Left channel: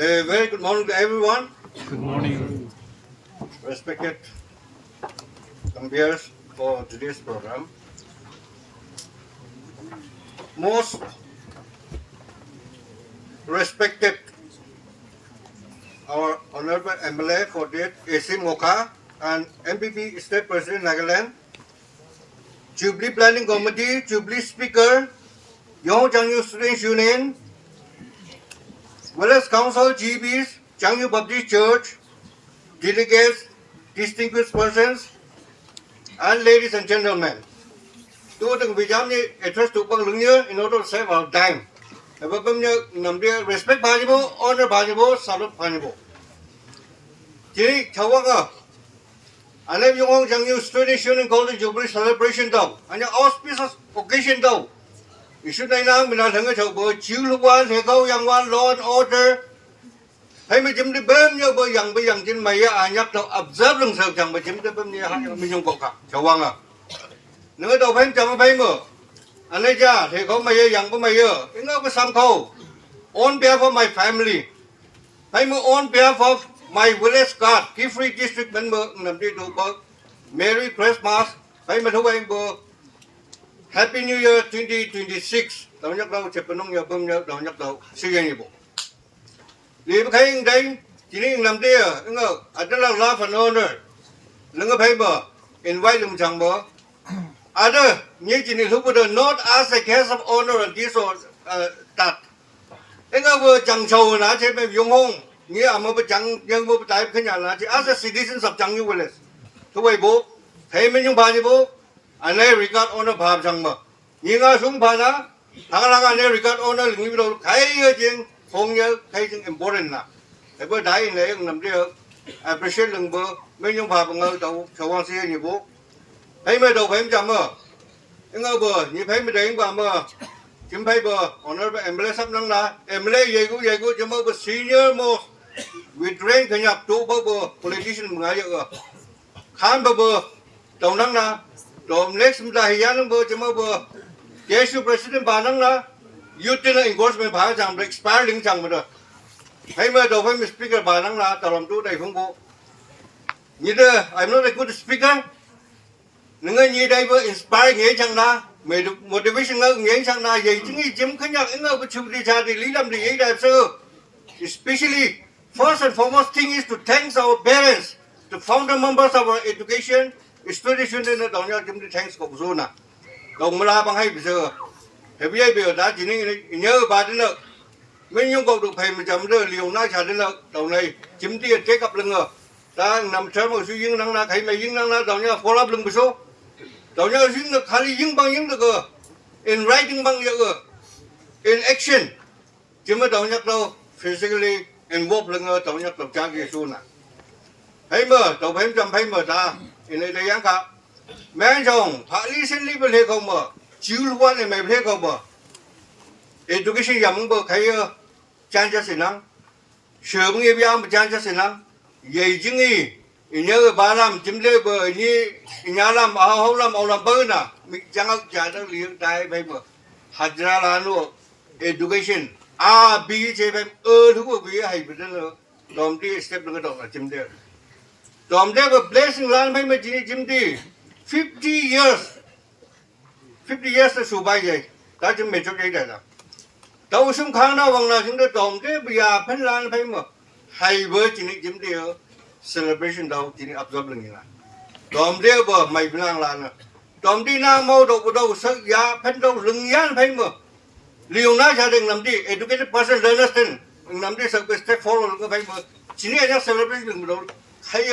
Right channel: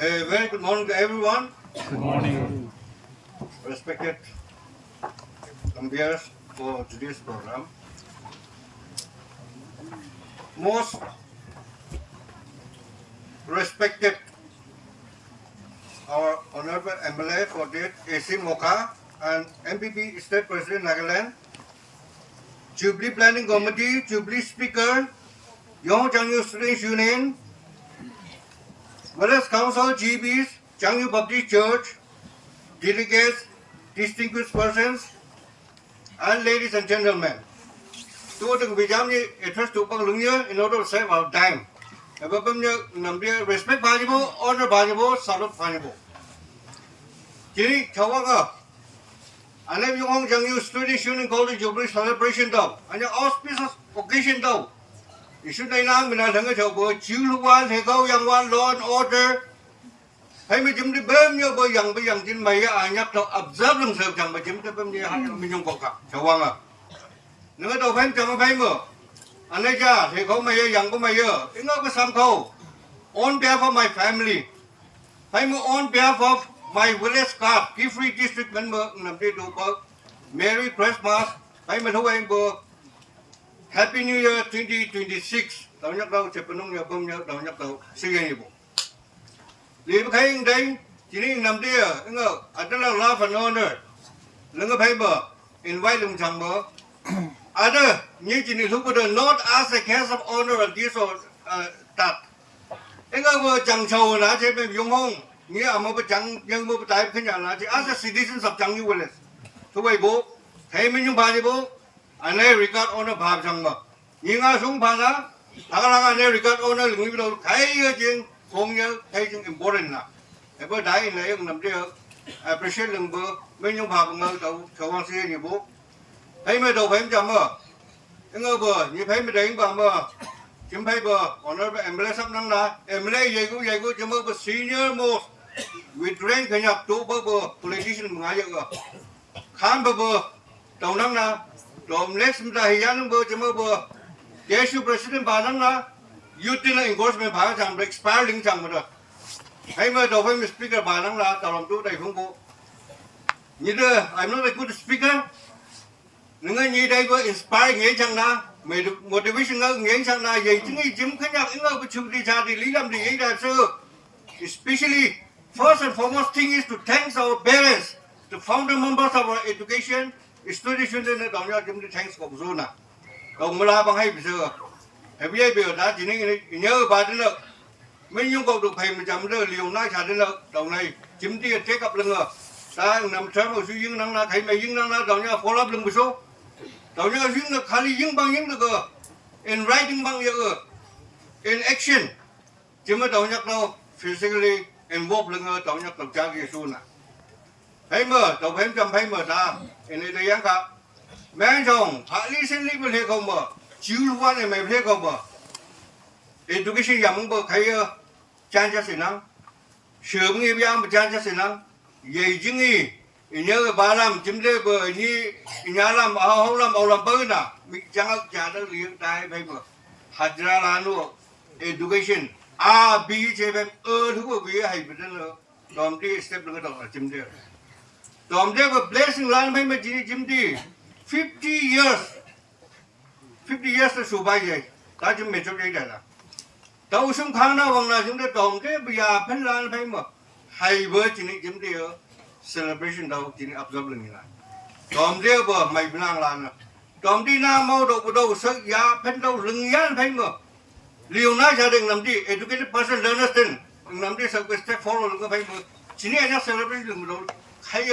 A very good morning to everyone. Good morning. Respected conveers for today's program. Most respected our Honorable MLA for that Asim Moka and MPP State President Nagaland, Jubilee Planning Committee, Jubilee Speaker, Yong Changyu Students Union, Wellness Council GBs, Changyu Baptist Church, delegates, distinguished persons, and ladies and gentlemen. Tôi từng bị giám như address to bằng lưng nhớ in order to save our time. Và bằng nhớ nằm đi respect valuable, honor valuable, salute valuable. Chỉ cháu vâng à. Anh em dùng ông chẳng như student union college jubilee celebration đâu. Anh em auspicious occasion đâu. Isu này nào mình là thằng cái cháu bữa chiếu lúc quan thì câu yang quan law and order. Hay mình chấm đi bơm như bây giờ trên mày à nhắc cháu observe lần sau chẳng mà chấm đi bơm như mình dùng bọc cả. Cháu vâng à. Nếu đâu phải chẳng phải mở. Anh ấy cha thì có mày yang có mày you know cái sam khâu on behalf of my family phải mở on behalf of my village card key free district member nằm đi đồ bơ Merry Christmas phải mở thu bay bơ Happy New Year 2026 đầu nhắc đầu chụp nông nghiệp công nhớ đầu nhắc đầu siêu gì bộ đi mà thấy đấy chỉ nên nằm đi anh ngờ anh là love and honor đừng có phải mở invite đừng chẳng mở other như chỉ nên lúc đó not as a case of honor and this or that anh ngờ vừa chẳng sầu là chế bên dùng hông như à mà chẳng nhưng mà tại khi nhà là chỉ as a citizen sắp chẳng như vậy thôi vậy bố thấy mình dùng bài đi bố anh ấy regard honor bài chẳng mà nhưng mà xuống bài đó thằng nào anh ấy regard honor thì mình đâu thấy chuyện không nhớ thấy chuyện important nè cái bữa đấy này làm gì appreciate lần bữa mình dùng bài bằng ngờ tàu sầu quan xe như bố thấy mấy đồ phải chậm mà anh ngờ bữa như thấy mấy đấy bà mà chúng thấy bữa honorable MLA sắp năng là MLA gì cũng cho mơ bữa senior most with rank thì nhập tụ bữa politician ngay vậy khám bữa đầu năng là rồi next mình ta hiện bữa cho mơ bữa Jesu president bà năng là utility enforcement bà chẳng expiring chẳng rồi thấy mấy đồ phải speaker bà năng là tao làm tụ đây không có như thế I'm not a good speaker những như đây có inspire nghĩa chẳng na mày được motivation ngơ nghĩa chẳng na vậy chứ nghĩ chấm khánh nhạc ngơ có chụp đi ra thì lý làm gì ấy đẹp sơ especially first and foremost thing is to thank our parents the founder members of our education student union là đồng nhau chấm đi thanks của zona đồng là bằng hay bây giờ thì bây giờ đã chỉ nên nhớ bà đến lợi mình nhung cầu được thầy mình chấm rồi liều nay trả đến lợi đầu này chấm đi chế cặp lưng rồi ta nằm xem một suy nghĩ năng là thầy mày năng là đồng nhau follow up lưng một số đầu nhau dính được khá dính bằng những được in writing bằng những in action chứ mà đầu nhắc đâu physically involved lưng đầu nhắc đầu cha gì xuân à thấy mờ đầu phim chăm thấy mờ ta in đây đây cả mấy chồng thà lý sinh lý bên hệ không mờ chiếu quan này mày hệ không mờ education giảm bờ thấy cha cho sinh năng sớm nghe bây mà cha cho sinh năng vậy chứ nghi nhớ bà làm chấm đê bờ như nhà làm không làm bơ nè mình chẳng trả được liền đại bây giờ hạt ra là nó education A B chế bên thứ của vì hay bị nó làm đi step nó đó là chấm đê làm đê và blessing lan bây giờ chỉ chấm đê 50 years là số bao giờ ta chấm mấy chỗ đây là tàu súng khang nào bằng nào chúng ta làm đê bây giờ phân lan bây giờ hay với chỉ chấm đê celebration đâu chỉ observe lần này đom đeo bờ mày bên lang lan đom đi nam mô đâu sợ giá phân đâu lưng nhán phải mà liều nãy gia đình làm gì educated person understand làm gì sợ cái step follow cái phải mà chỉ này nó celebration đâu hay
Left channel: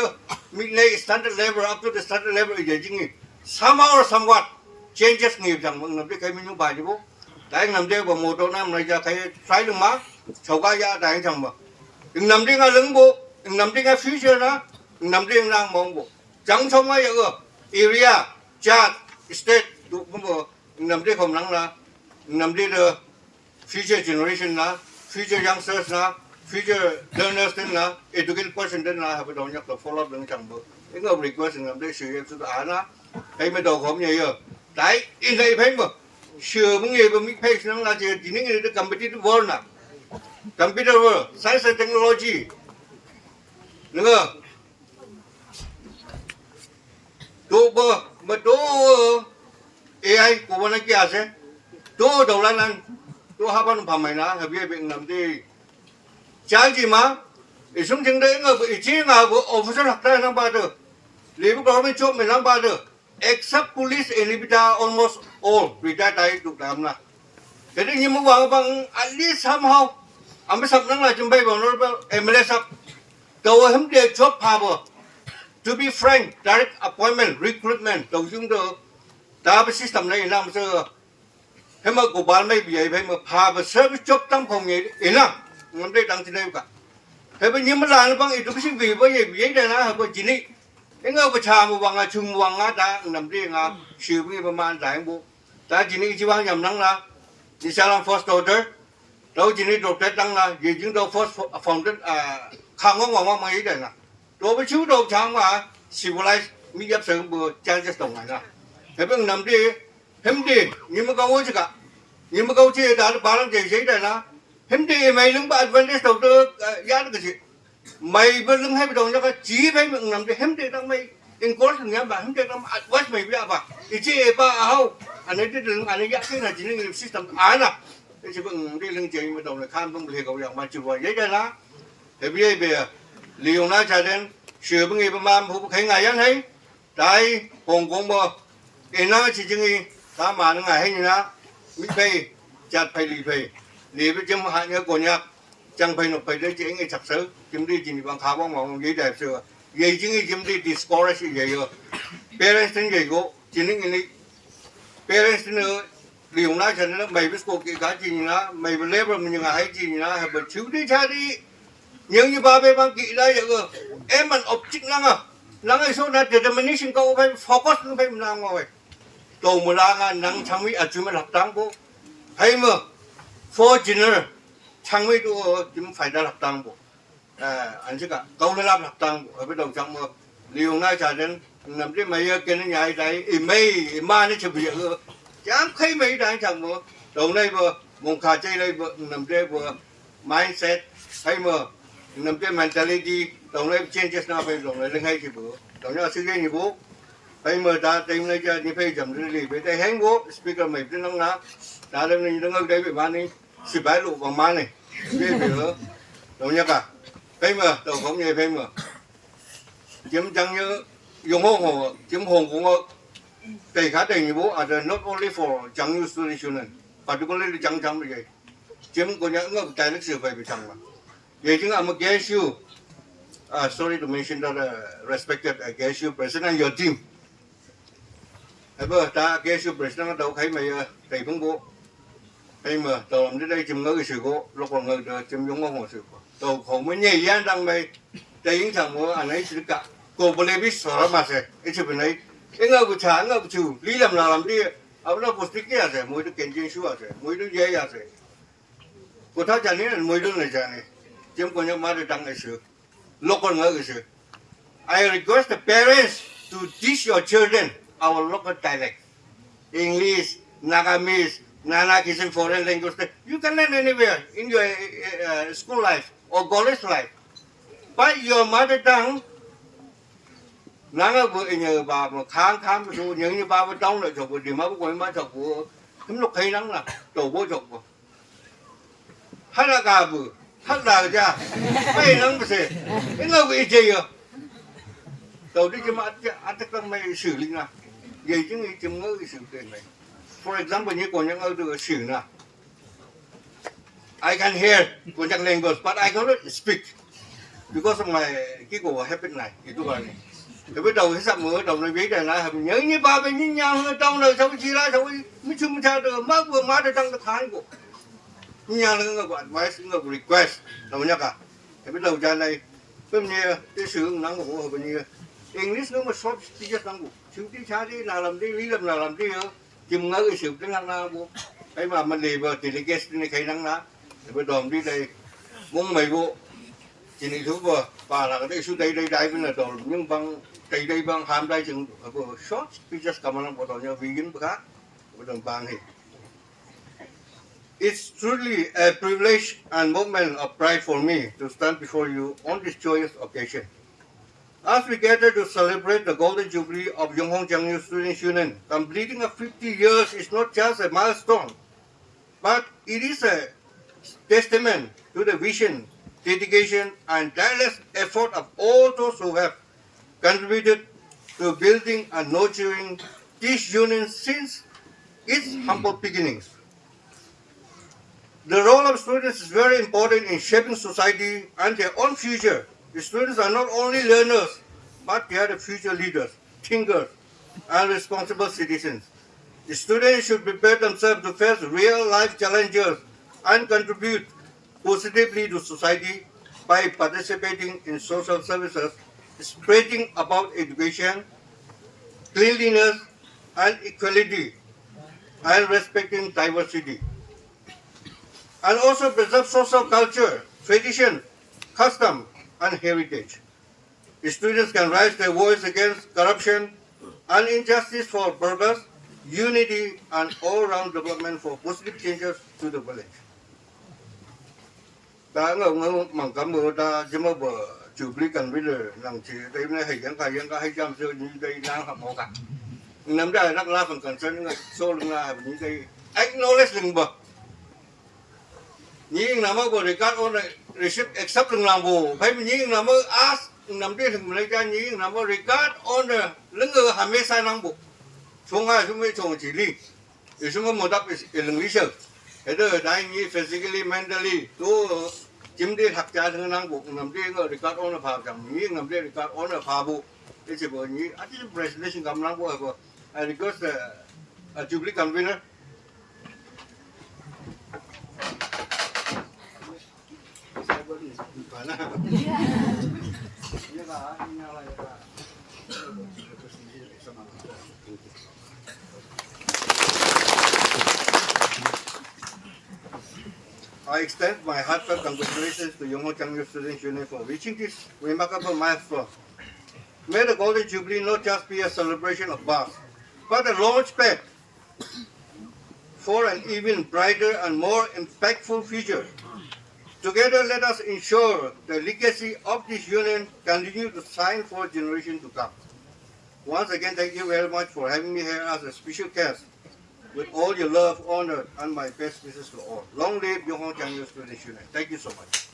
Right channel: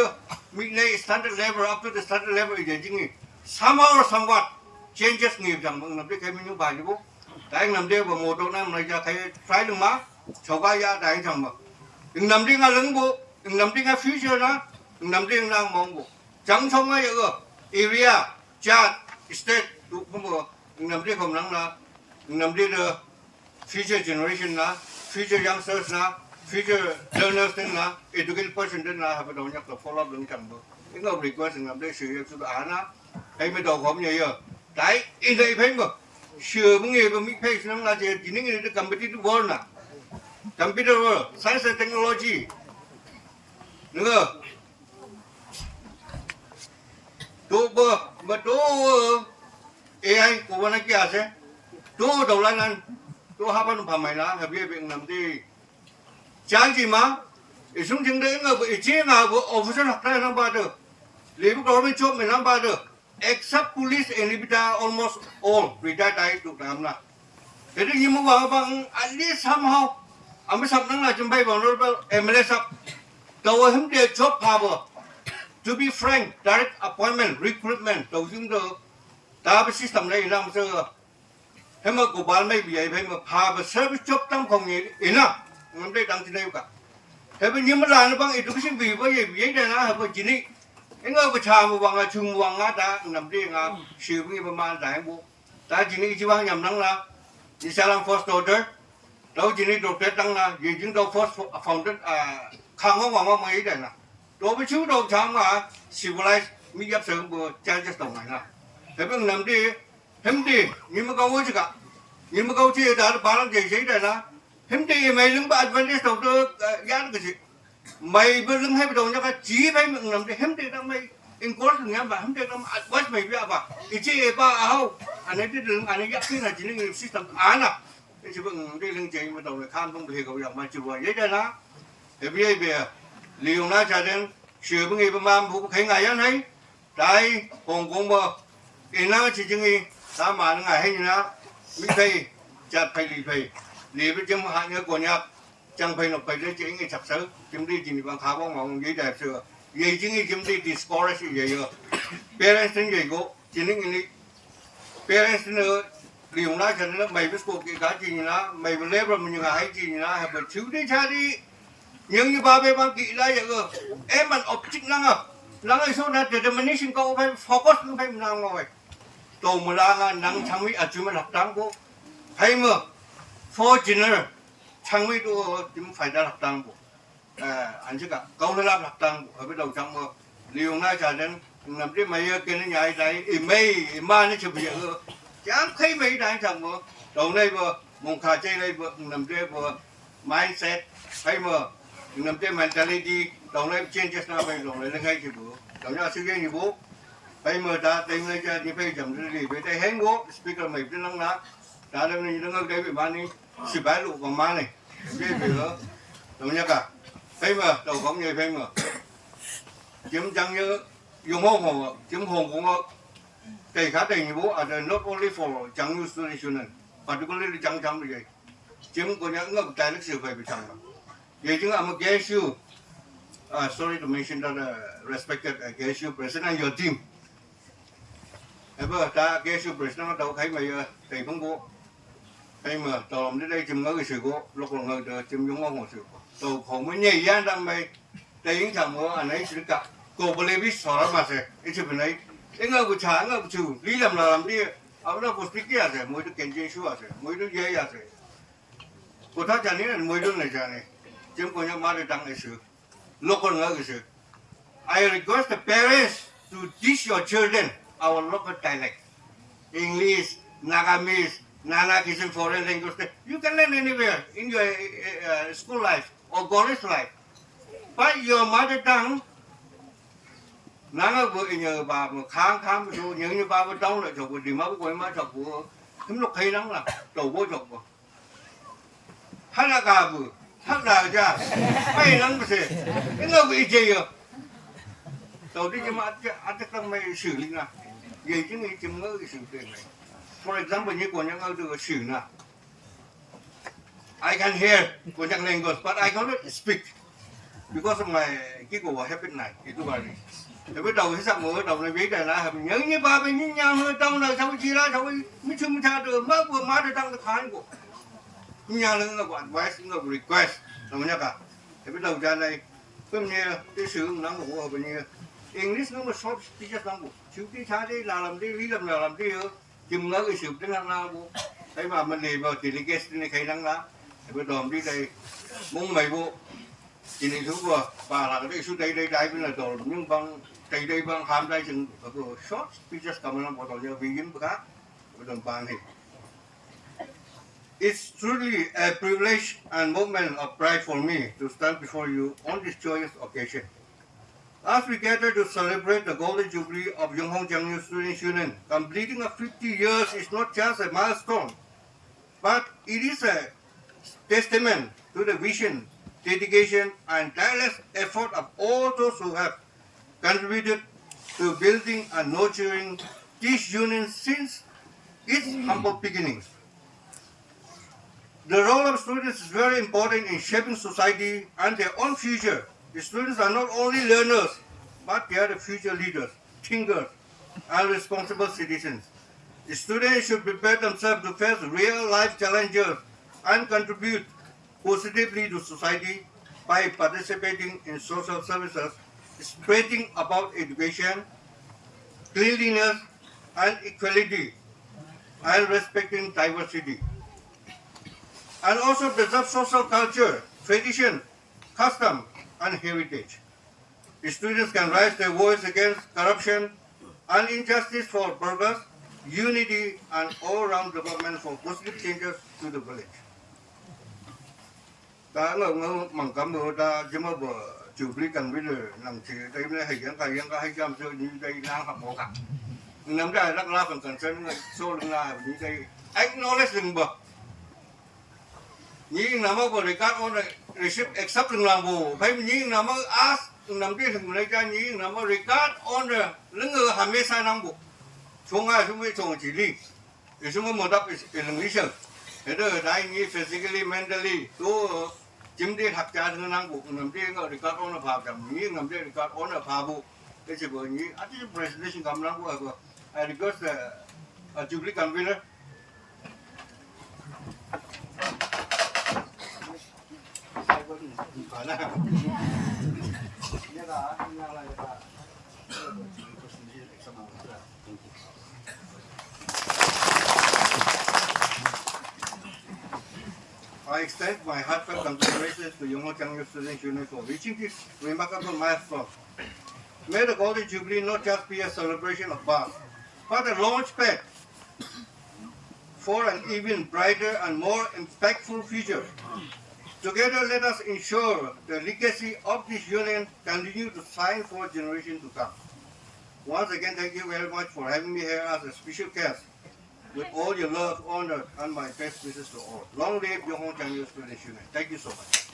mình này standard level up to the standard level vậy chứ gì somehow or somewhat changes nhiều chẳng làm gì cái mình bài chứ bố tại làm đeo bờ một đầu năm này ra thấy trái lưng má sầu cá da đại chẳng mà đừng làm đi ngay lưng bố nằm trên cái future đó nằm trên lang mong bộ chẳng xong ấy area chat state tụ cũng bộ nằm trên không năng là nằm trên future generation là future youngsters là future learners là educated person là phải đầu nhập là follow up đừng chẳng bộ cái ngọc request nằm trên sự sự án á hay mới đầu không như vậy đấy in đây phải mà sửa những người mà mình phải năng là chỉ những người được competitive world nè computer world, science and technology, đúng không? Tôi mà tôi AI của bọn anh kia sẽ tôi đầu lần anh tôi học anh phạm mày nó hay biết bệnh làm gì trái gì mà ý xuống chừng đấy ngờ ý chí nào của officer học đây năm ba được lấy lúc đó mới chốt mình năm ba được except police and ibita almost all retired đại được làm nào thế nhưng mà bằng at least somehow anh mới sắp năng là chuẩn bị bằng nó MLS sắp cầu hôm nay chốt power to be frank direct appointment recruitment đầu chúng tôi ta bị system này làm sao thế mà của bạn mấy vậy vậy mà phá và service job tăng phòng nghề ý lắm muốn đây tăng trên đây cả thế bây giờ mà làm bằng ít chút sinh vì bây giờ vậy đây là bởi chỉ ní cái người có chả một bằng là chung một bằng ta nằm đi là sự bị mà man giải bộ ta chỉ ní chỉ bằng nhầm năng là chỉ sao làm first order đâu chỉ ní đồ tết năng là gì chúng tôi first phòng đến khang ngon ngon mấy đây là đồ với chú đồ chả mà civilize mi gặp sớm bữa trang cho tổng này là thế bây giờ nằm đi hindi nhưng mà câu gì cả nhưng mà câu gì đã bảo làm gì đấy là hindi mày lưng bạn vẫn đi đầu tư giá cái gì mày vẫn lưng hay đầu cái chỉ phải mình làm cái hindi đó mày in course nhá bạn hindi đó advice mày bây giờ cái gì ba hao anh ấy đừng anh ấy giá cái là chỉ nên system án à cái chỉ bằng cái lưng chạy mà đầu này kham không được câu gì mà chịu vậy đấy là thế bây giờ liều na chạy đến sửa bằng người mà phụ thấy ngày ăn hay tại Hồng Kông mà cái nó chỉ chừng ta mà nó ngày hay như nào mình phải chặt phải lì với chấm hạn nhớ của nhạc chẳng phải nộp phải đấy chỉ ngay chặt sớ chấm đi chỉ bằng khá bằng giấy đẹp sửa giấy chỉ ngay chấm đi discourage giấy rồi parents tính giấy go chỉ nên cái parents nữa liều na cho nên mày biết cuộc cái gì nữa mày biết level mình như hay gì nữa hay bật chú đi cha đi nhưng như ba bê bằng kỹ đây rồi em mình object năng ấy số này determination câu phải focus nó phải làm ngồi tổ một là năng thằng ấy chúng mình học tăng bộ hay mà for dinner thằng ấy tôi chúng phải đã học tăng bộ anh chứ cả câu làm học tăng bộ ở bên đầu trong mà liều nay trả đến nằm trên mấy cái này nhảy đấy mày mà nó chụp việc rồi chẳng thấy mấy đang chẳng mà đầu này vừa mùng khá chơi đây vừa nằm trên vừa mindset hay mà nằm trên mentality đầu này changes nào về đầu này nó hay thì bữa đầu này suy nghĩ như bố hay mà ta tìm lấy cho như phải chậm gì về đây hang bố speaker mày trên năng lá ta đây mình đang đây bị ban đi xịt bãi lụ bằng man này cái gì nữa đầu nhá cả hay mà đầu không như hay mà chấm trăng như dùng hồ chấm hồn cũng đầy khá đầy như bố à not only for trăng như student particularly trăng như vậy chấm của những người tài lịch sử phải bị trăng mà vậy chứ I'm against you sorry to mention that respected against you president your team bây ta against you president đâu thấy mày thầy phong bố hay mà tao làm đến đây chấm ngỡ cái sự cố lúc còn ngỡ chấm giống ngon sự tao không mới nhảy ra rằng mày thấy thằng mà anh ấy xử cả cô bê biết sợ mà sẽ cái chuyện này cái ngỡ của cha ngỡ của chú lý làm nào làm đi ông nó có thích cái gì mỗi đứa kiến chuyện xưa sẽ mỗi đứa dễ sẽ của ta chẳng nên mỗi đứa này chẳng này chấm có nhau mà để đăng cái sự local ngỡ cái sự I request the parents to teach your children our local dialect English Nagamese Nana-Kisan foreign language you can learn anywhere in your school life or college life but your mother tongue nanga của nhờ bà mà khám rồi những như bà bên trong lại chọc thì mà quay mà chọc của chúng nó thấy lắm là đầu bố chọc của hát là cả vừa hát là ra mấy lắm mà thế cái người bị gì à đầu đi cho mà ăn tất cả mấy xử lý là vậy chứ nghĩ chừng ngỡ cái sự kiện này for example như của những người được xử là I can hear của những language but I cannot speak because of my cái của habit này thì tôi bảo này rồi bắt đầu sắp mở đầu này biết này là nhớ như ba bên như nhau trong này sao chỉ là sao mới chung ra được má vừa má được trong cái thái của nhà là người advice người request đâu nhá cả thì bắt đầu ra này cái như cái sử dụng năng của bên như English nó mà short thì rất năng của chú tí cha đi là làm đi lý làm đi chừng ngỡ cái sử dụng năng nào của ấy mà mình đi vào thì cái này thấy năng nào bắt đầu đi đây muốn mày bộ chỉ nên thú vừa và là cái số đây đây cái là đồ nhưng bằng đây bằng ham đây chừng vừa short thì just cầm nó vào đó nhờ vì những cái khác bắt đầu bằng thì It's truly a privilege and moment of pride for me to stand before you on this joyous occasion. As we gather to celebrate the Golden Jubilee of Yonghong Jiangyu Students Union, completing of 50 years is not just a milestone, but it is a testament to the vision, dedication, and tireless effort of all those who have contributed to building and nurturing this union since its humble beginnings. The role of students is very important in shaping society and their own future. The students are not only learners, but they are the future leaders, thinkers, and responsible citizens. The students should prepare themselves to face real life challenges and contribute positively to society by participating in social services, spreading about education, cleanliness, and equality, and respecting diversity. And also preserve social culture, tradition, custom, and heritage. The students can raise their voice against corruption and injustice for progress, unity, and all-round development for positive changes to the village. Ta ngờ mang cảm ơn ta chỉ mà bờ chủ lý cần bây giờ làm chỉ đây này hay cái jam so như đây là học mỏ cả nằm đây là phần cần sơn so là như đây acknowledge lưng bờ như nằm ở bờ record on receive accept lưng làm bù phải như nằm ở ask nằm đây thằng này ra như nằm ở record on lưng ở hàm mấy sai năng bù chúng ai chúng mới chúng chỉ lý thì chúng mới đáp lưng ý sự thế đó đây như physically mentally tu chim đi học cha thằng năng bụng nằm đi cái record on phá chẳng như nằm đi record on phá bộ cái gì vậy như at the presentation cầm năng bộ cái I request Jubilee convener phải là như là I extend my heartfelt congratulations to Yonghong Jiangyu Students Union for reaching this remarkable milestone. May the Golden Jubilee not just be a celebration of birth, but a launchpad for an even brighter and more impactful future. Together, let us ensure the legacy of this union continue to shine for generations to come. Once again, thank you very much for having me here as a special guest. With all your love, honor, and my best wishes to all. Long live Yonghong Jiangyu Students Union. Thank you so much.